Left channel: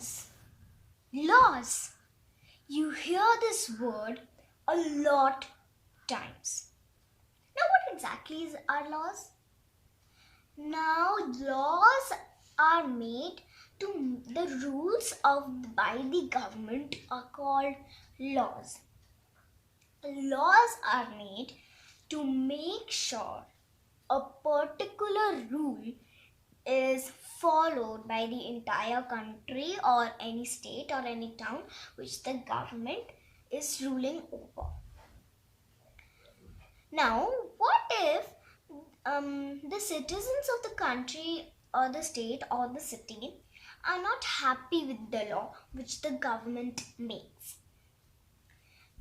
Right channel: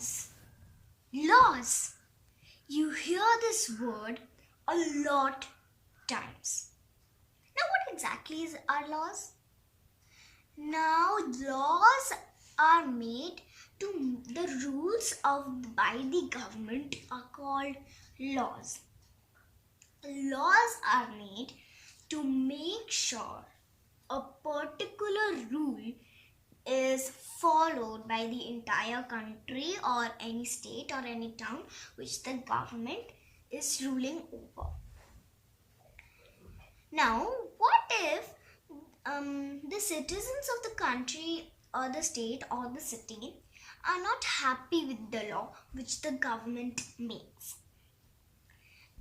Laws. Laws. You hear this word a lot times. Now, what exactly are laws? Now, laws are made to the rules by the government are called laws. Laws are made to make sure a particular rule is followed by the entire country or any state or any town which the government is ruling over. Now, what if the citizens of the country or the state or the city are not happy with the law which the government makes?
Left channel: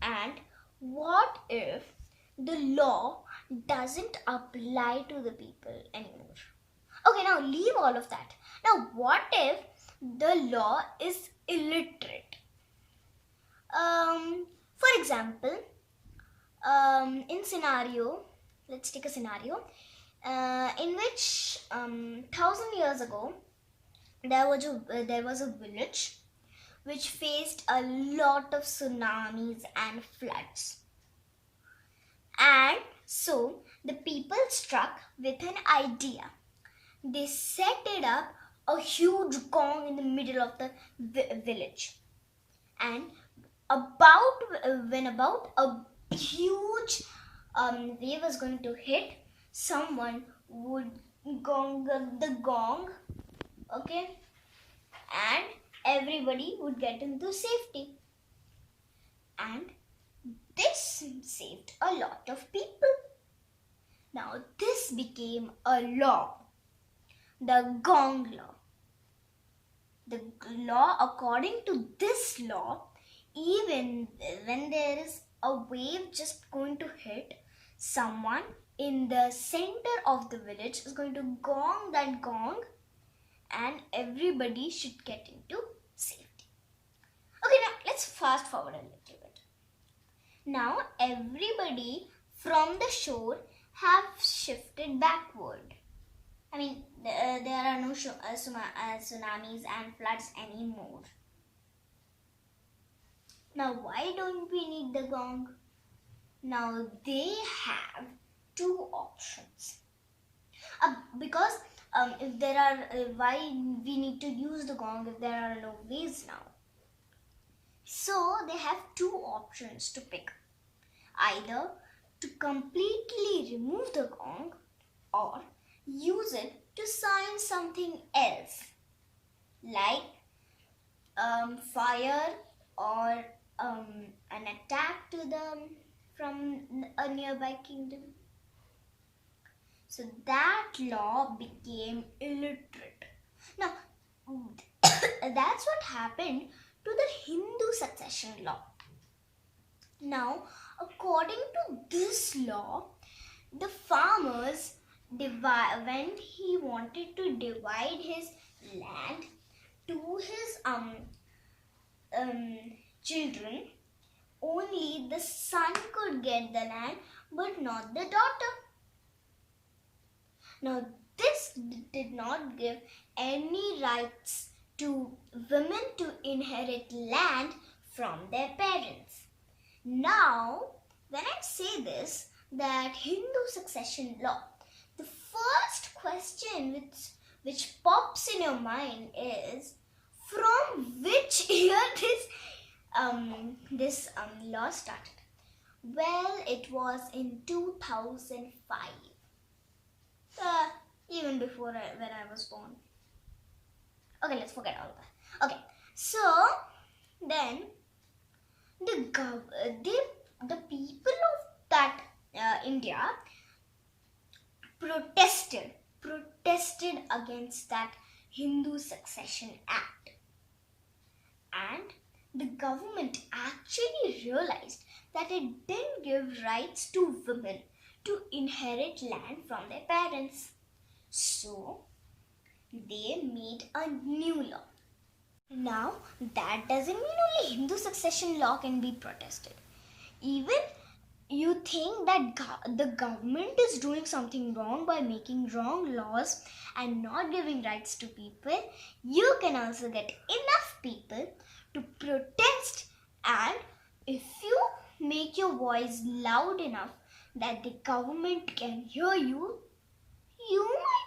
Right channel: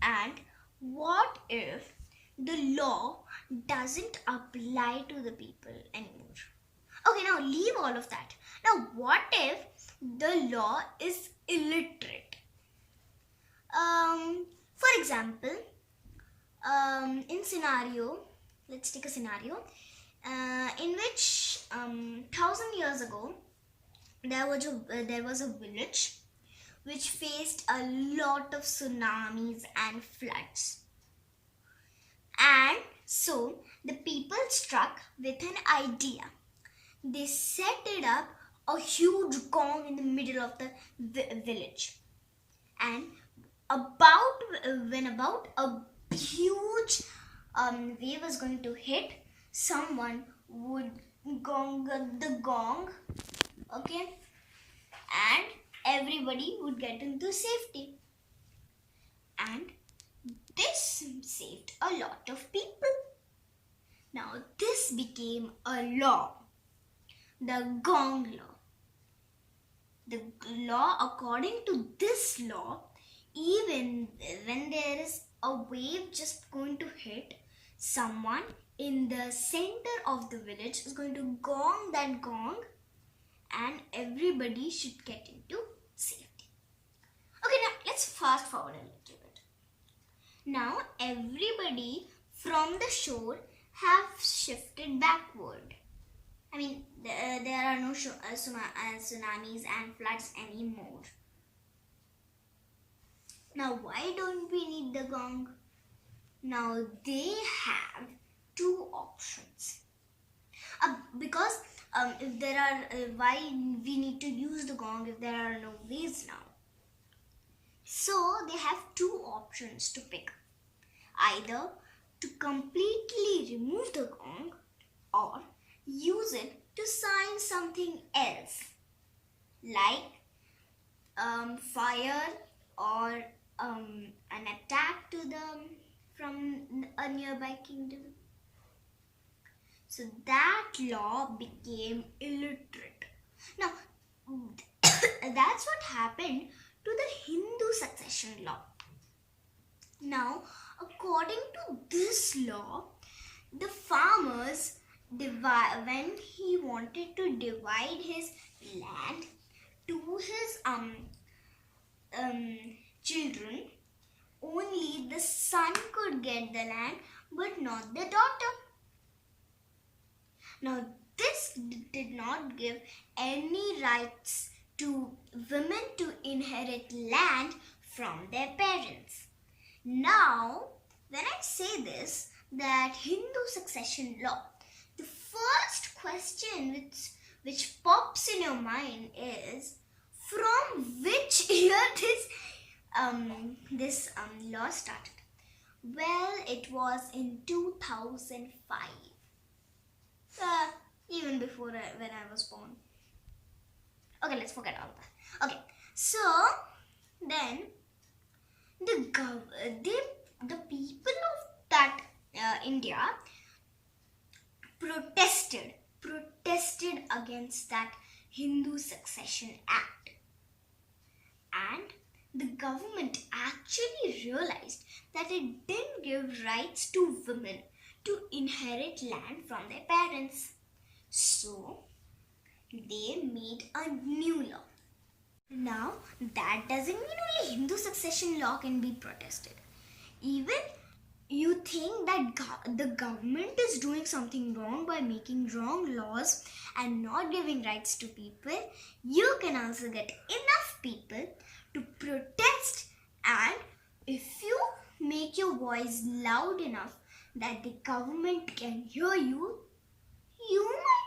And what if the law doesn't apply to the people anymore? Okay, now leave all of that. Now, what if the law is illiterate? For example, let's take a scenario in which 1,000 years ago there was a village which faced a lot of tsunamis and floods, and so the people struck with an idea. They set it up a huge gong in the middle of the village, and when about a huge wave was going to hit, someone would gong the gong, okay, and everybody would get into safety. And this saved a lot of people. Now this became a law, the gong law. The law, according to this law, even when there is a wave just going to hit, someone in the center of the village is going to gong that gong and everybody should get into safety. Okay, now let's fast forward a little bit. Now everybody from the shore have shifted backward. I mean, there are no tsunamis and floods anymore. Now, why don't we need the gong? Now, they have two options. Because if there are, why we need to use the gong if there are no waves now? So, they have two options to pick. Either to completely remove the gong or use it to sign something else, like fire or an attack to them from a nearby kingdom. So that law became illiterate. Now, that's what happened to the Hindu succession law. Now, according to this law, the farmers when he wanted to divide his land to his children, only the son could get the land but not the daughter. Now this did not give any rights to women to inherit land from their parents. Now when I say this, that Hindu succession law, the first question which pops in your mind is, from which year this law started? Well, it was in 2005. Even before when I was born. Okay, let's forget all that. Okay, so then the people of that India protested against that Hindu Succession Act, and the government actually realized that it didn't give rights to women to inherit land from their parents. So they made a new law. Now that doesn't mean only Hindu succession law can be protested. Even you think that the government is doing something wrong by making wrong laws and not giving rights to people, you can also get enough people to protest, and if you make your voice loud enough that the government can hear you, you might